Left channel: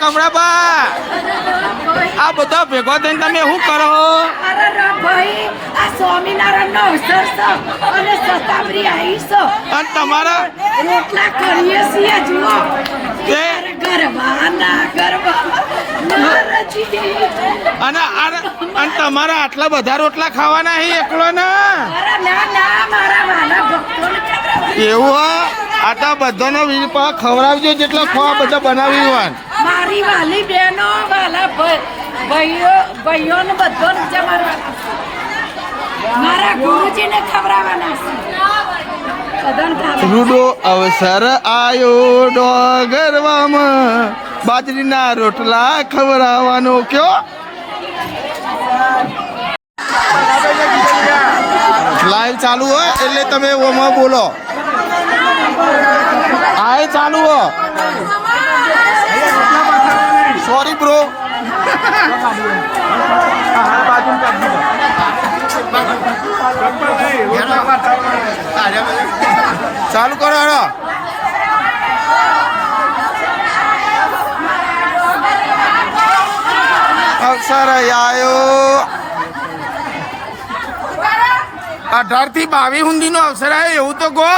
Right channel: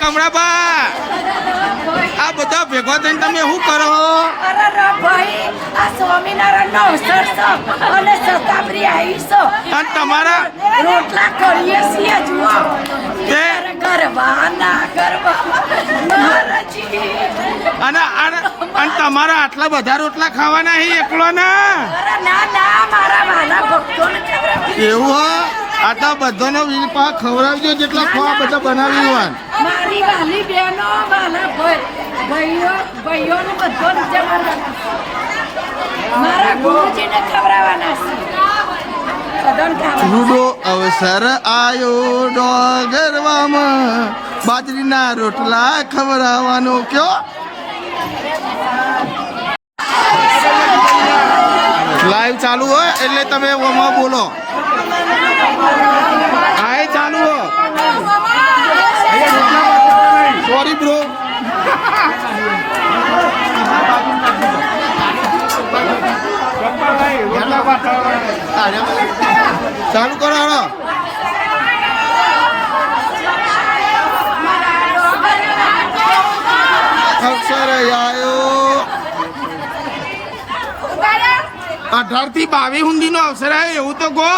કમળાબા! આ બધા ભેગો થઈને તમે શું કરો? અરે રા આ સ્વામિનારાયણ નો અવસર છે અને શતાબ્દી આવી છે. અને તમારા રોટલા કરીએ છીએ જુઓ. ગરબા અને અને તમારા આટલા બધા રોટલા ખાવાના હે એકલો ના ના ના મારા વાલા ભક્તોને એવું આ તો બધાનો વીર પા ખવડાવજો જેટલા ખવા બધા બનાવી હોય. મારી વાલી બહેનો વાલા ભાઈ- ભાઈઓ, ભાઈઓને બધો જમાડવાના. મારા ગુરુજીને ખવડાવવાના છે રૂડો અવસર આયો ડોગરવામાં બાજરીના રોટલા ખવડાવવાનો કયો? લાઈવ ચાલુ હોય એટલે તમે ઓમાં બોલો આય ચાલુ હો સોરી બ્રો ચાલુ કરો હેડો. અક્ષર આયો અઢારથી બાવીસ હુંદી નો અવસર આવ્યો એવું તો ગો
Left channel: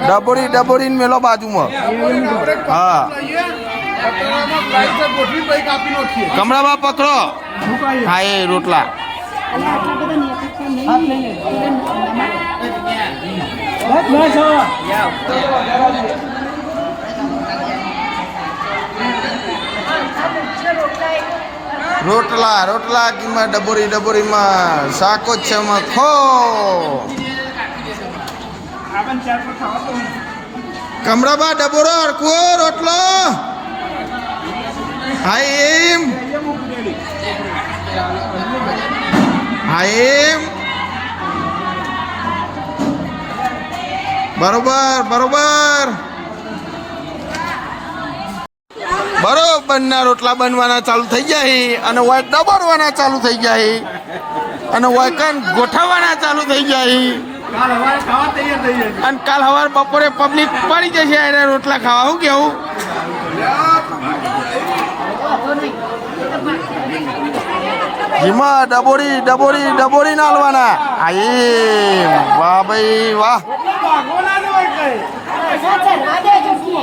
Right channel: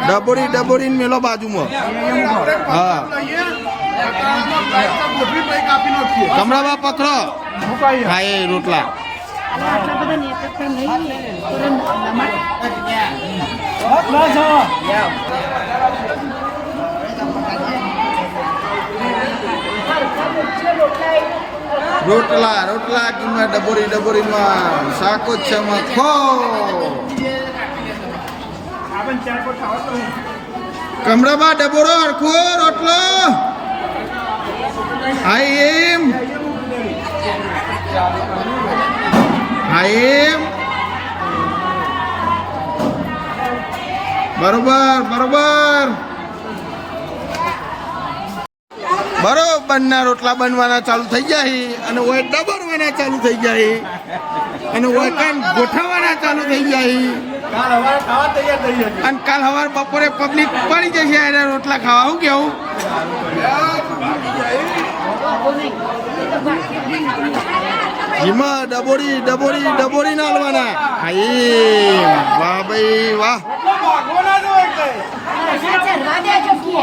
ડબોરી ડબોરી મેલો બાજુમાં. હા. કમળાબા પકડો. હા એ રોટલા. રોટલા રોટલા કિંમત ડબોરી ડબોરીમાં શાકો જ છે ખો. કમળાબા ડબોરો અડખો રોટલો. હા હા એમ બરોબર બરોબર. બરોબર, ના રોટલા બનવાના ચાલુ થઈ જાય અને વાય ડબરવાના ચાલુ થઈ જાય અને વાય કાન ગોઠવવાના ચાલુ થઈ જાય. અને કાલ સવાર બપોરે પબ્લિક પડી જશે એને રોટલા ખાવા શું કેવું? જીમા ડબોરી ડબોરી ડબોરી નાલવાના. આ એમ વાહ ભાઈ વાહ. ચરવા દેજો કીએ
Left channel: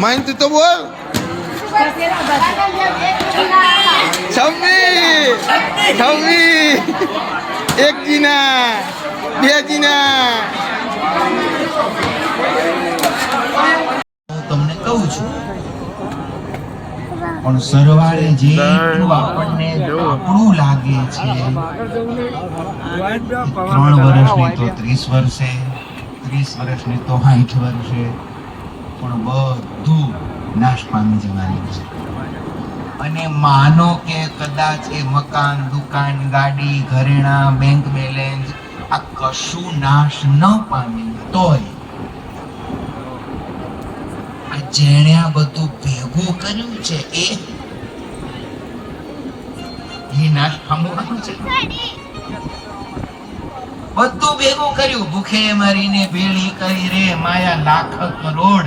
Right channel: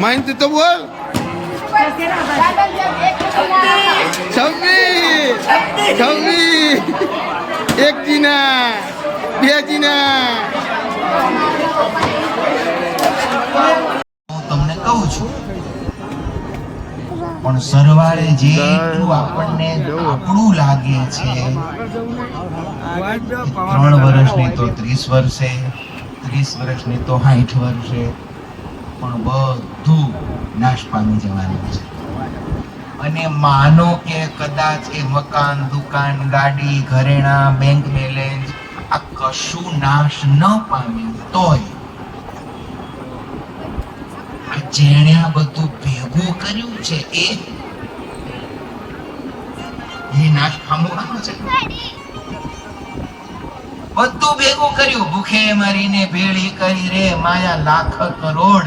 માઇન તું તો બોલ. છવ્વીસ. છવ્વીસ. એક જીના. બે જીના. હું તમને કહું છું, પણ સરવાળે જે આપણને આપણું લાગે છે, ત્રણ વર્ષની તો ત્રીસ વર્ષે, ત્રીસ વર્ષની તો સાઠ વર્ષે પણ બધું નાશ પામી જવાનું છે. અને માનો કે કદાચ એ મકાન, દુકાન, ગાડી, ઘરેણા બેંક બેલેન્સ આ કશું નાશ ન પામ્યું તોય આ જેણે આ બધું ભેગું કર્યું છે એ એ નાશ પામવાનું છે. બધું ભેગું કર્યું. ભૂખે મારીને ભેળી કરી રે માયા લાખ કરોડ.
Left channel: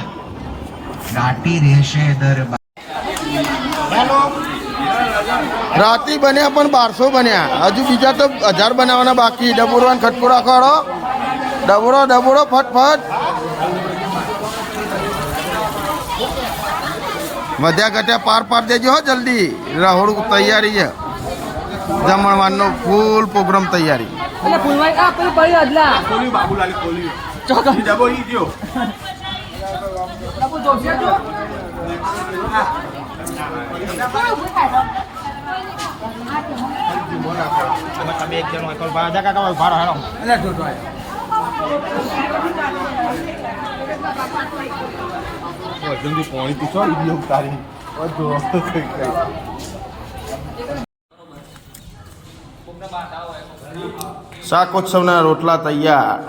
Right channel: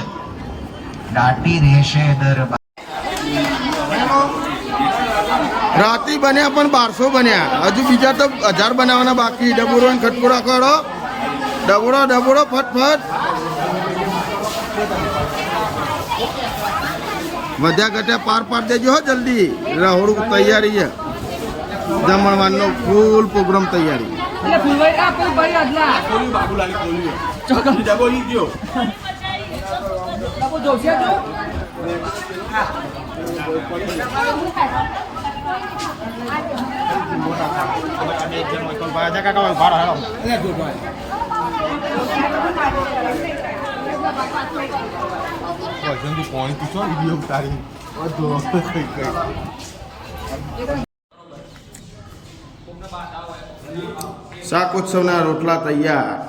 દાટી રહેશે દરબાર રાતી બન્યા પણ બારસો બન્યા. હજુ બીજા તો હજાર બનાવવાના બાકી. ડબોરો ને ખટકોડા કરો ડબોડો ડબોરો ફટફટ. વધ્યા ઘટ્યા પાર પાર દેજો હો જલ્દી. રહોડું તૈયારી છે. જમણવારનો ફૂલ પ્રોગ્રામ તૈયારી. એટલે ફૂલભાઈ આ પેલું ભાઈ અદલા? બાબુલાલી કોલ્યું ડબોલી ગયો તો પોણી પૂછો વીડિયો તારી શાકોત્સવના રોટલા તૈયાર.